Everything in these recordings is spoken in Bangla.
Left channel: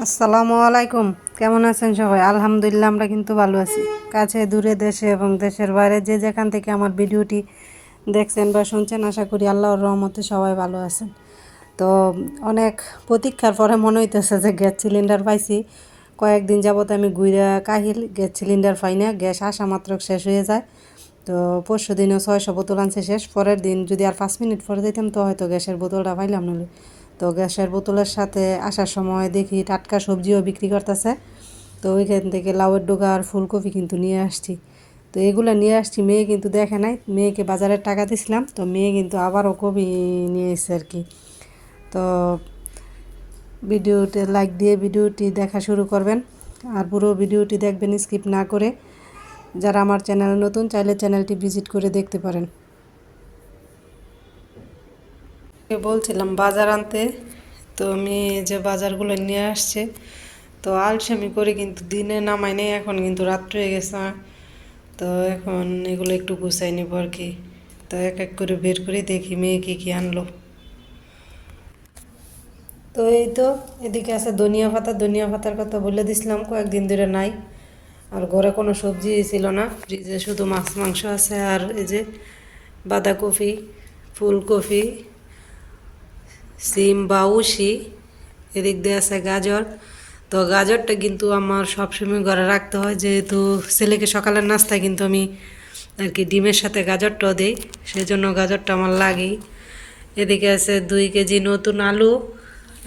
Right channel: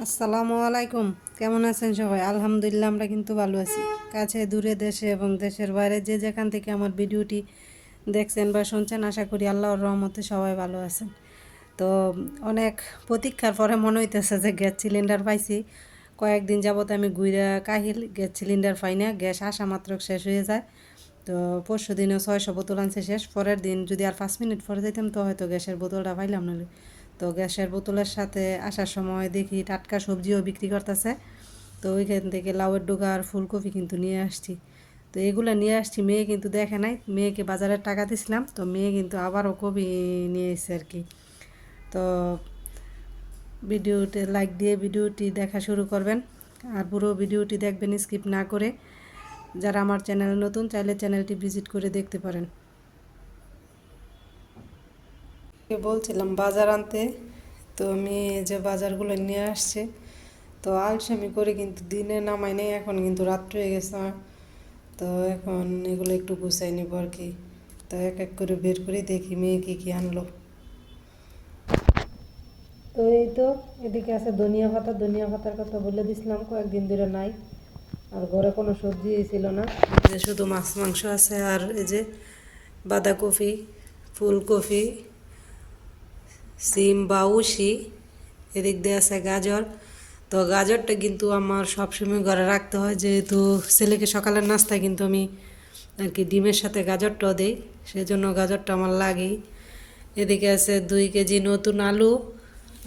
আসসালামু আলাইকুম। কেমন আছেন সবাই? আলহামদুলিল্লাহ, আমরা কিন্তু ভালো আছি। কাছে দূরে দেশে এবং দেশের বাইরে যে যেখান থেকে আমার ভিডিওটি দেখছেন বা শুনছেন, আশা করি আল্লাহর রহমতে সবাই ভালো আছেন। তো অনেক প্রতীক্ষার পরে মনে হইতেছে যে গ্যাস সিলিন্ডার পাইছি। কয়েকদিন যাবত আমি ঘুরে কাহিল, গ্যাস সিলিন্ডার পাই না, গ্যাস আসা মাত্র শেষ হয়ে যায়। তো পরশু দিনও 600 বোতল আনছে শেষ, পরের দিন যদি আর 5 মিনিট পরে যেতাম তো হয়তো গ্যাসের বোতলটা পাইলাম না। তো গ্যাসের বোতলের সাথে আসার সময় দেখি টাটকা সবজিও বিক্রি করতেছে। তো ওইখান থেকে লাউয়ের ডোকা আর ফুলকপি কিন্তু নিয়ে আসছি। তো এগুলো নিয়ে আসছি, মেয়ে কিন্তু দেখে নাই, মেয়েকে বাজারের টাকা দিছিলাম, তো মেয়ে কিন্তু আবারও কপি নিয়ে এসেছে আর কি। তো ভিডিওতে লাইক দিয়ে ভিডিওটি দেখা শুরু করবেন আর পুরো ভিডিওটি দেখবেন স্কিপ না করে। যারা আমার চ্যানেল নতুন, চাইলে চ্যানেলটি ভিজিট করে দেখতে পারেন। বলছিলাম বাজার আনতে, তো আমি যে বাজারগুলো নিয়ে আসছে, তো আলসেমি করে কিন্তু দিনে নামাই নেই, এখন কিন্তু রাত্র হয়ে গেছে। তো এখন এগুলো একটু গুছাই নিব আর কি। তো এক এক করে বের করে দেখি মেয়ে কী কী আনলো। তো এই তো এদিকে আছে ধনিয়া পাতা, ধনিয়া পাতার কথা বলে দিছিলাম, কয়েকদিন ধরে নাই। আর ঘরে কোনো সবজি ছিল না, ফ্রিজে শুধু মাছ মাংস আছে। আর এই যে বাঁধাকপি, ফুলকপি, সিম বা উশি, এদিক দিয়ে আছে গাজর। তো গাজরটা কিন্তু আমার সবসময় ঘরে রাখতে হয়, যেহেতু ছেলেকে সকালের নাস্তায় কিন্তু আমি আর কি ডিমের সাথে গাজরটাও দিই, সেই জন্য গাজরটা আমার লাগেই। এদিকে আছে 2 কেজি নতুন আলু,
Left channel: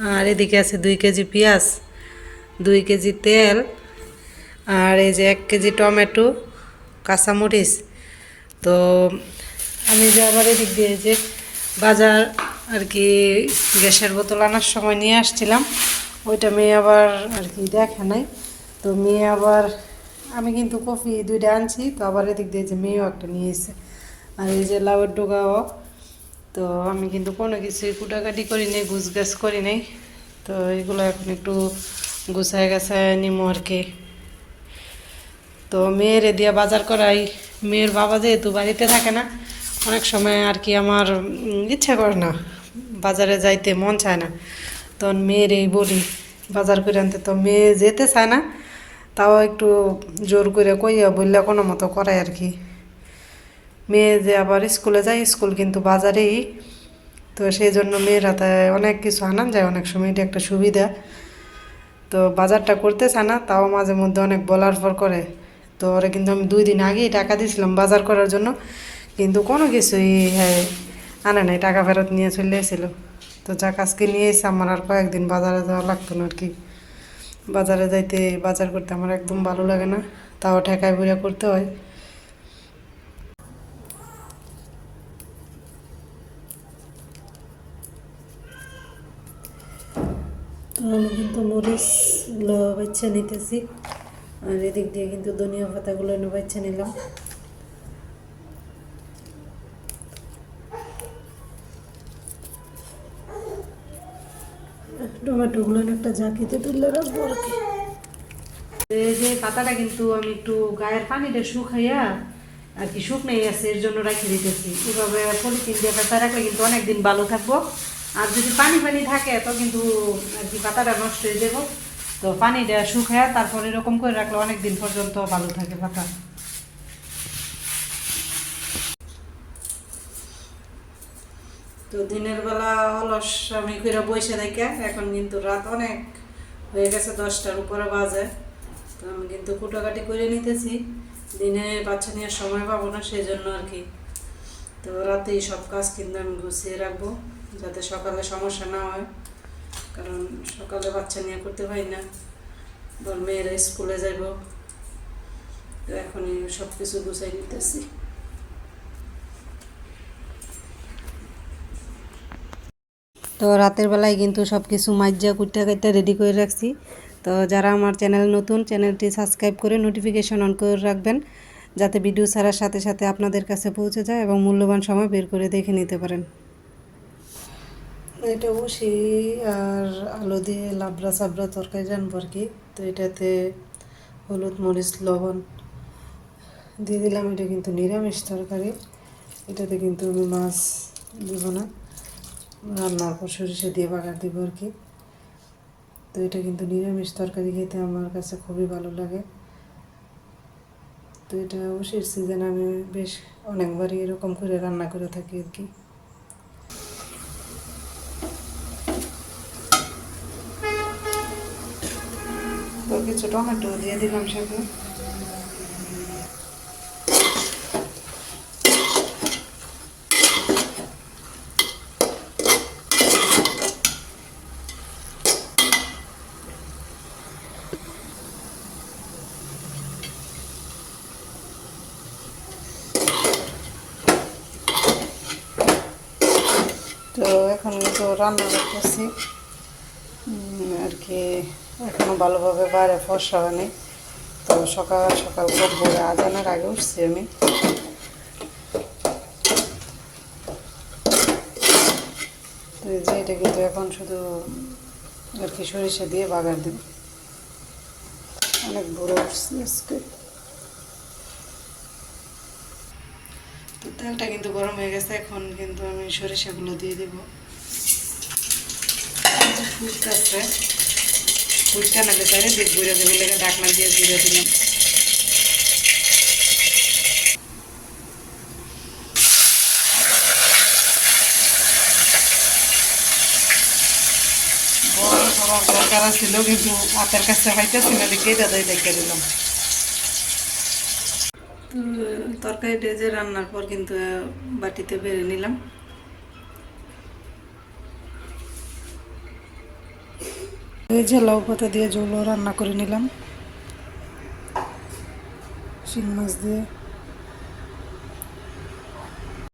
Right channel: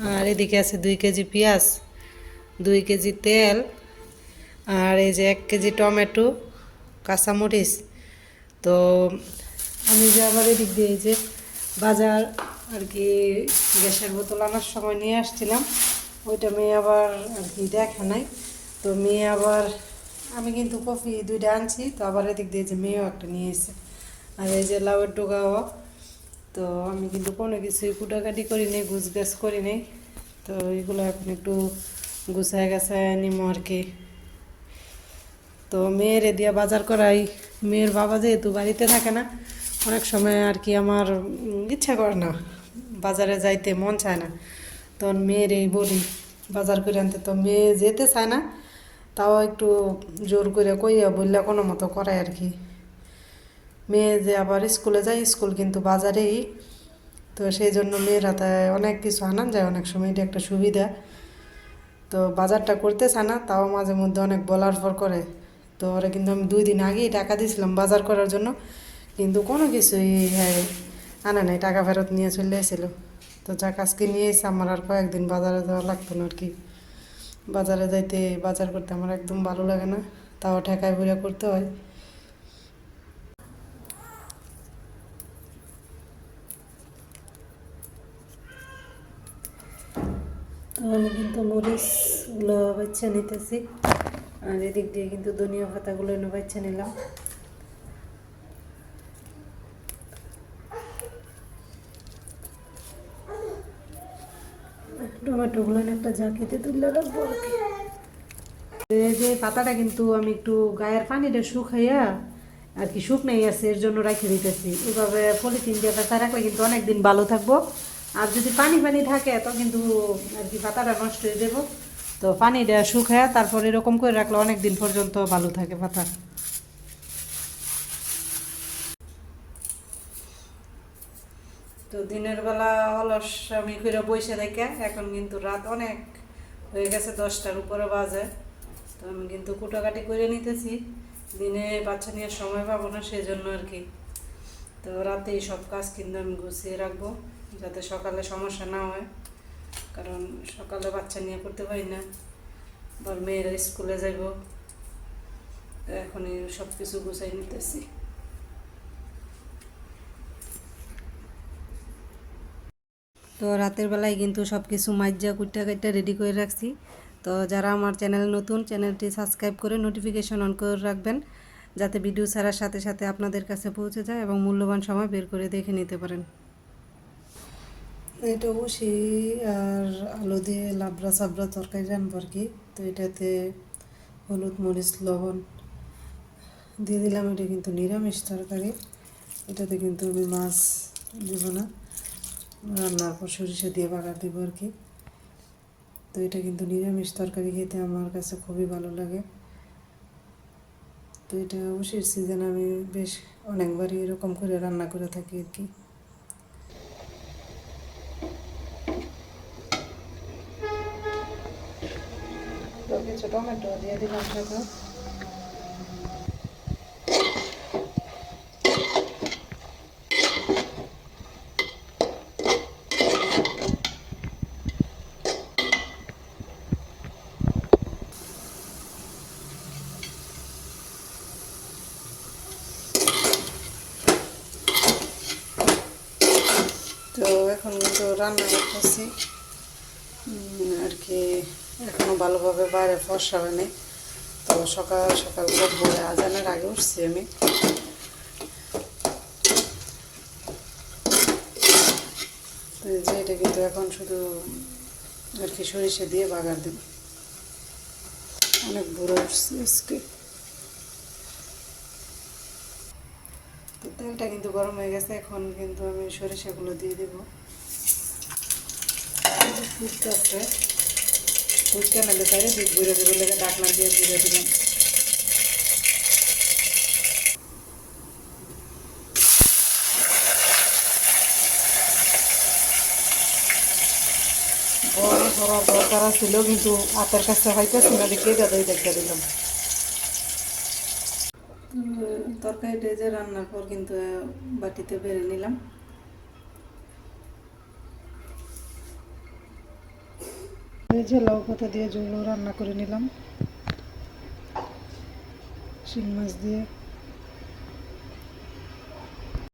আর এদিকে আছে 2 কেজি পেঁয়াজ, 2 কেজি তেল, আর এই যে 1 কেজি টমেটো, কাঁচামরিচ। তো আমি যে আবার এদিক দিয়ে যে বাজার আর কি গ্যাসের বোতল আনার সময় নিয়ে আসছিলাম, ওইটা মেয়ে আবার আর কি দেখে নাই। তো মেয়ে আবার, আমি কিন্তু কফি 2টা আনছি, তো আবার এদিক দিয়ে যে মেয়েও একটা নিয়ে এসেছে। আর এই যে লাউয়ের ডোগাও। তো আমি কিন্তু কোনো কিছুই কুটাকাটি করি নাই, গুছগাছ করি নাই। তো এগুলো এখন একটু গুছায় গেছায় নিমো আর কি। তো মেয়েরে দিয়ে বাজার করাই, মেয়ের বাবা যেহেতু বাড়িতে থাকে না, অনেক সময় আর কি আমার ইচ্ছা করে না, বাজারে যাইতে মন চায় না, তখন মেয়েরই বলি বাজার করে আনতে। তো মেয়ে যেতে চায় না, তাও একটু জোর করে কইয়া বললে কোনো মতো করায় আর কি। মেয়ে যে আবার স্কুলে যায়, স্কুল কিন্তু বাজারেই, তো সেই জন্য মেয়ের হাতে অনেক কিছু আনান যায়, অনেক সময় এটা একটা সুবিধা। তো বাজারটা করতে চায় না, তাও মাঝে মধ্যে অনেক বলার পর করে। তো ওরা কিন্তু আমি 2 দিন আগেই টাকা দিয়েছিলাম বাজার করার জন্য, কিন্তু কোনো কিছুই হ্যাঁ আনে নাই, টাকা ফেরত নিয়ে চলে এসেছিল। তো যাক আজকে নিয়ে এসে আমার আর কয়েকদিন বাজারে যাওয়া লাগতো না আর কি। বাজারে যাইতে, বাজার করতে আমার একদম ভালো লাগে না, তাও ঠেকায় বুড়ে করতে হয়। তো আমি কিন্তু মরিচগুলো বাচ্চা নিতেছি, আর এদিক দিয়ে কিন্তু ধনিয়া পাতাগুলো এনে বাচ্চা নিলাম। টমেটোগুলো একটা ঝাঁকিতে তুলে রাখবো আর কি। এই যে পাতাটা কিন্তু আমি একটু গায়ের পানিটা শুকাইয়া আর কি, শুকনাই আছে এর জন্য রাখি দিতেছি। এভাবে পলিথিন দিয়ে পাতা রাখলে কিন্তু অনেকদিন ভালো থাকবো। আর যদি পানি পানি থাকে তো কিন্তু আর কি পাতাটা নষ্ট হয়ে যাবো। তো পানিটা শুকায় তারপর এরকম করে রাখলে অনেক দিন পর্যন্ত ভালো থাকে পাতা। তো দিনের বেলা অলস আমি করে বসে থাকি, এখন কিন্তু রাত অনেক হয়ে গেছে, 10টার উপরে বাজে। তো আমি কিন্তু কুটাকাটি করে নিতেছি, দিনে বাচ্চা নেওয়ার সময় পাবো না, সেই জন্য আর কি। তো রাতেই সব কাজ কিন্তু আমি গুছিয়ে রাখবো, যাতে সকালে সমস্যা না হয়, কারণ সকালে বাচ্চা নিয়ে করতে পারি না, বল মেয়েরা স্কুলে যাব। তো এখনই সব কিছু গুছাই নিতেছি। তো রাতের বেলায় কিন্তু সব কিছু মাইজা কুট্টা কাটটা রেডি করে রাখছি। তো যারা আমার চ্যানেল নতুন, চ্যানেলটি সাবস্ক্রাইব করে নোটিফিকেশন অন করে রাখবেন, যাতে ভিডিও ছাড়ার সাথে সাথে আপনাদের কাছে পৌঁছে যায় এবং মূল্যবান সময় বের করে দেখে নিতে পারেন। এটা বসি আর আলু দিয়ে লাবড়া চাবড়া তরকারি রান্নবো আর কি। তো এটাতে হলুদ মরিচ লবণ দিয়ে দিলাম, এটা কিন্তু নিরামিষ তরকারি, এটাতে কিন্তু আমি মাছ দিব না, রান্নার পর সরিষা দিয়ে বাগার দেবো আর কি। তো এটা কিন্তু নিরামিষ তরকারি খেতে আমার কাছে খুবই ভালো লাগে। তো এটা অবশ্যই সিজন আমি বেশ অনেকবারই এরকম করে রান্না করে থাকি আর কি। তো কিছু টমেটো দিয়ে দিলাম সাথে। তো এখন তো রান্না করতেছি আর কি, এখনও ভালোভাবে বাইরে ফর্সা হয়নি। তো সকাল সকাল খুব ভোরে আজানের আগে উঠছি আমি। তো এই যে এটা কিন্তু এখন শুধু আর কি সরিষা দিয়ে বাগার দেব। অনেক বুড়ো উঠছে আজকে। তো তেলটা কিন্তু গরম হয়ে গেছে, এখন কিন্তু আমি সরিষাগুলো দিয়ে দেবো। ফুটতেছে, ফুটতে না যেতে দিক ঘুরে দেবে, লেগে ডাকনা দিয়ে দিয়ে দিলাম। বড় ধরার দরকার ছিল, কিন্তু হাতের কাছে হইতেছি না দেখে দাদাই দেখে দিলাম। তরকারিটা যে রান্নার পর কিন্তু বাটিতে বেড়ে নিলাম। এই যে লাউ পাতা দিয়ে ঝোলও রান্না করে নিলাম শিং মাছ দিয়ে।